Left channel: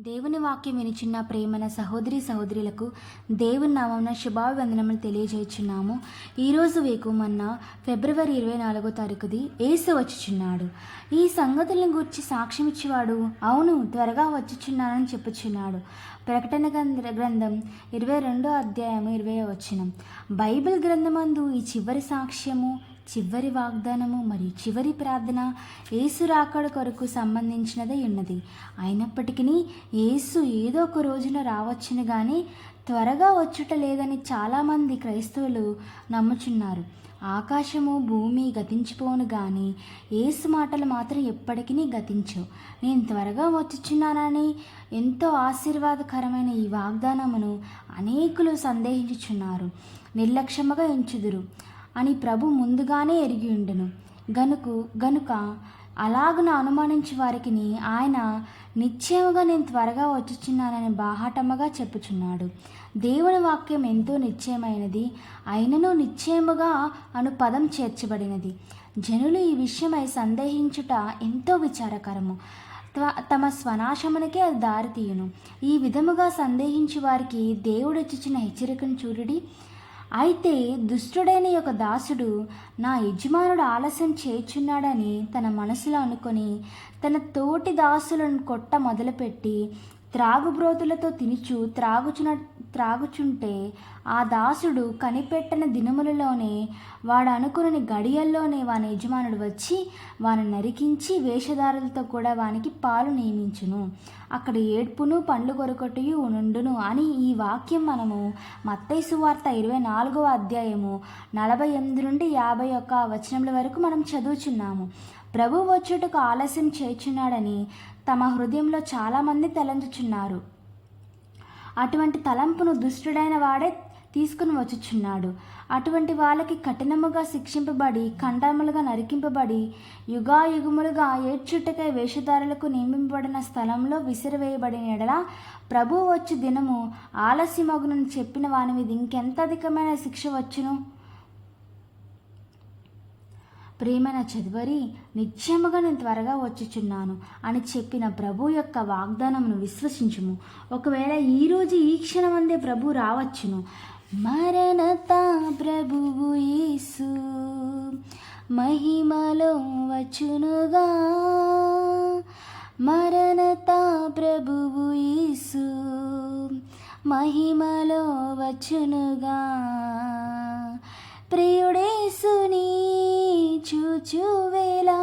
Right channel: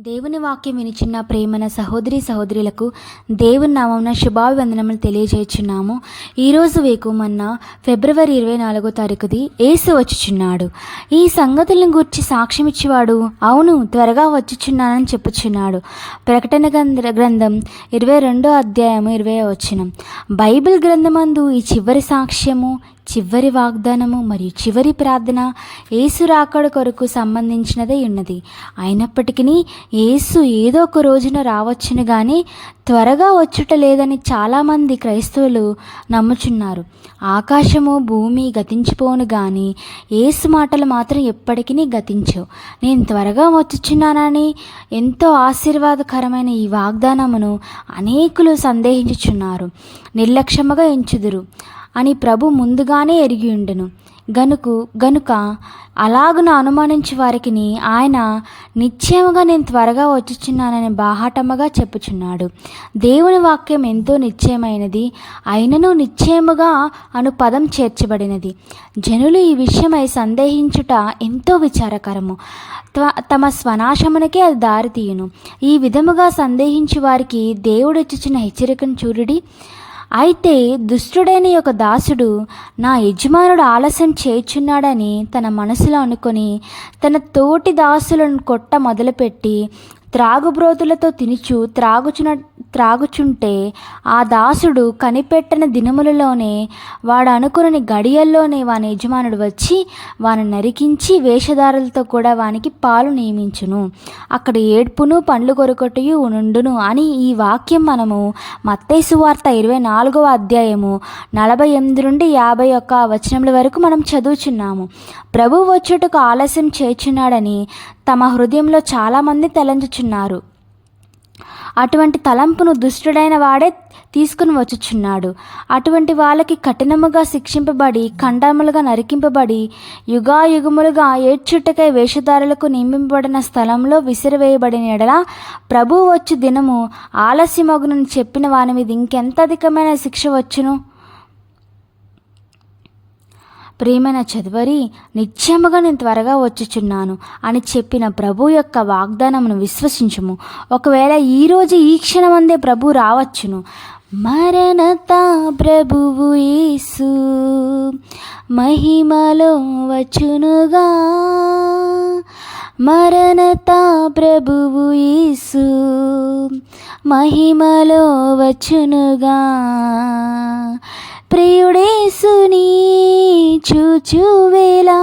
దేవుని వాక్యం వినిచిన్న ప్రేమన సహోదరి సహోదరులకు దేవుని నామమున శుభాభివందనములు తెలియజేస్తున్నాము ఈరోజు వేకుమన్న ఫిబ్రవరి ఇరవై నాలుగో తారీఖుది ఏసు వచ్చుచున్నాడు. ఈ సంగతులను గురించి సాక్ష్యం ఇచ్చేవాడు అవును త్వరగా వచ్చుచున్నానని చెప్పుచున్నాడు. ప్రకటన గ్రంథం ఇరవై రెండో అధ్యాయము ఇరవై వచనం. బైబిల్ గ్రంథమందు ఈ చివరి సాక్ష్యము చివరి వాగ్దానము మరియు చివరి ప్రార్థన ఏసు రాకడ కొరకు సంబంధించినదే ఉన్నది. అయినప్పటికీ యేసు ఏదో ఒక రోజున రావచ్చును కానీ త్వరగా వచ్చుట లేదని చాలామంది క్రైస్తవులు నమ్ముచున్నారు. ఆకాశము భూమి గతించిపోను కానీ ఏసు మాటలు మాత్రం ఎప్పటికీ గతించవు. నేను త్వరగా వచ్చుచున్నానని ఎంతో ఆశీర్వాదకరమైన ఈ వాగ్దానమును అనేకులు సందేహించుచున్నారు. నిర్లక్ష్యముగా ఎంచుదురు. అని ప్రభు ముందుగానే ఎరిగి ఉండెను. గనుకు గనుక అలాగున అనుమానించి వారికి ఆయన నిశ్చయముగా నేను త్వరగా వచ్చుచున్నానని బాహాటముగా చెప్పుచున్నాడు. దేవుని వాక్యం ఎంతో నిశ్చయమైనది అయినను నిశ్చయముగా అను పదం చేర్చబడినది. జనులు ఈ విషయమై సందేహించుట ఎంతో విచారకరము. త్వ- తమ స్వనాశమునకే అది దారితీయును. ఈ విధముగా సందేహించి వారికి దేవుడు ఇచ్చిన హెచ్చరికను చూడుడి. అయితే దుష్టుడైన ఒక దాసుడు నా యజమానుడు ఆలస్యం చేయుచున్నాడని తన మనసులో అనుకొని తన తోటి దాసులను కొట్ట మొదలుపెట్టి త్రాగుబ్రోతులతో తినుచు త్రాగుచున త్రాగుచుంటే ఆ దాసుడు కనిపెట్టని దినములలోనే వాడు అనుకుని గడియల్లోనే వాని యజమానుడు వచ్చి వాని నరికించి వేషధారులతో కూడా వానికి పాలు నియమించును. అక్కడ ఏడ్పును పండ్లు కొరకటయు నుండును అని ఈ వాక్యం మనము మత్తేసు వార్త ఇరవై నాలుగవ అధ్యాయము నలభై ఎనిమిది నుండి యాభై ఒక్క వచనముల వరకు మనం చదువుచున్నాము. ప్రభు వచ్చుటకు ఆలస్యం చేర్చున్నాడని తమ హృదయంలో చాలామంది తలంచుచున్నారు. అటువంటి తలంపును దుష్టుడైన వాడే తీసుకుని వచ్చుచున్నాడు. అటువంటి వాళ్ళకి కఠినముగా శిక్షింపబడి ఖండములుగా నరికింపబడి యుగాయుగములుగా ఏడ్చుట్టకై వేషధారులకు నియమింపబడిన స్థలంలో విసిరివేయబడిన ఎడల ప్రభు వచ్చు దినము ఆలస్యమగునని చెప్పిన వాని మీద ఇంకెంత అధికమైన శిక్ష వచ్చును? ప్రియమైన చదువరి నిత్యముగా నేను త్వరగా వచ్చుచున్నాను అని చెప్పిన ప్రభు యొక్క వాగ్దానమును విశ్వసించుము. ఒకవేళ ఈరోజు ఈ క్షణమందే ప్రభు రావచ్చును. మరణత ప్రభువు యేసు మహిమలో వచ్చునుగా. మరణత ప్రభువు యేసు మహిమలో వచ్చునుగా. ప్రియ చూచువేలా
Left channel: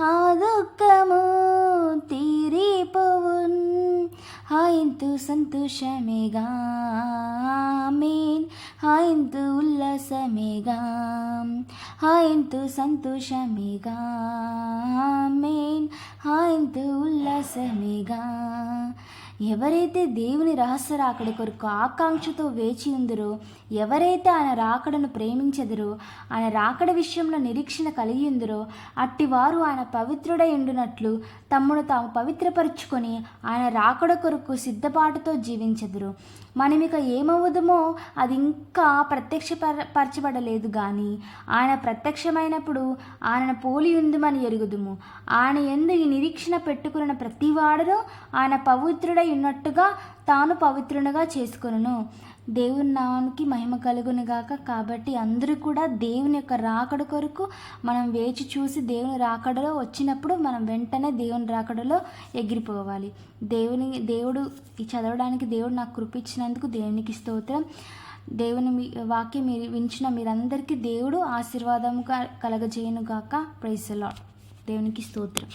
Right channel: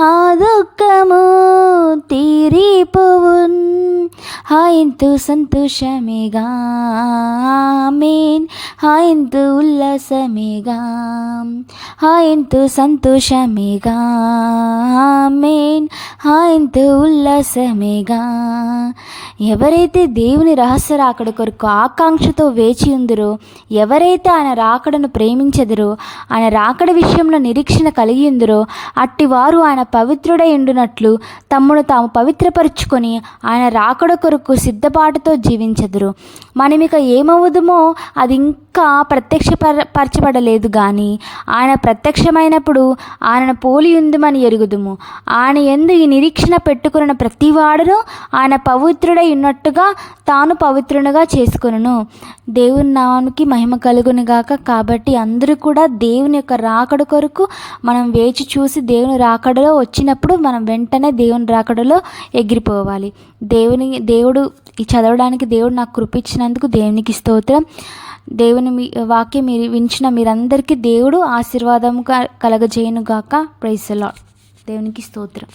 ఆ దుఃఖము తీరిపోవున్ హాయింతు సంతోషమేగా మేన్ హాయింతు ఉల్లాసమేగా హాయింతు సంతోషమేగా? మేన్ హాయింతు ఉల్లాసమేగా? ఎవరైతే దేవుని రహస్య రాకడ కొరకు ఆకాంక్షతో వేచి ఉందరో ఎవరైతే ఆయన రాకడను ప్రేమించదరో ఆయన రాకడ విషయంలో నిరీక్షణ కలిగి ఉందరో అట్టి వారు ఆయన పవిత్రుడై ఉండునట్లు తమ్మును తాము పవిత్రపరుచుకొని ఆయన రాకడ కొరకు సిద్ధపాటుతో జీవించదురు. మనమిక ఏమవుదుమో అది ఇంకా ప్రత్యక్ష పరచబడలేదు కానీ ఆయన ప్రత్యక్షమైనప్పుడు ఆయన పోలి ఉందమని ఎరుగుదుము. ఆయన ఎందు ఈ నిరీక్షణ పెట్టుకున్న ప్రతివాడును ఆయన పవిత్రుడై ఉన్నట్టుగా తాను పవిత్రునిగా చేసుకొనును. దేవుని నామానికి మహిమ కలుగును గాక. కాబట్టి అందరూ కూడా దేవుని యొక్క రాకడ కొరకు మనం వేచి చూసి దేవుని రాకడలో వచ్చినప్పుడు మనం వెంటనే దేవుని రాకడలో ఎగిరిపోవాలి. దేవుని దేవుడు ఈ చదవడానికి దేవుడు నాకు కృపించినందుకు దేవునికి స్తోత్రం. దేవుని మీ వాక్యం మీరు వించిన మీరందరికీ దేవుడు ఆశీర్వాదం కలగజేయను గాక ప్రైసలా దేవునికి స్తోత్రం.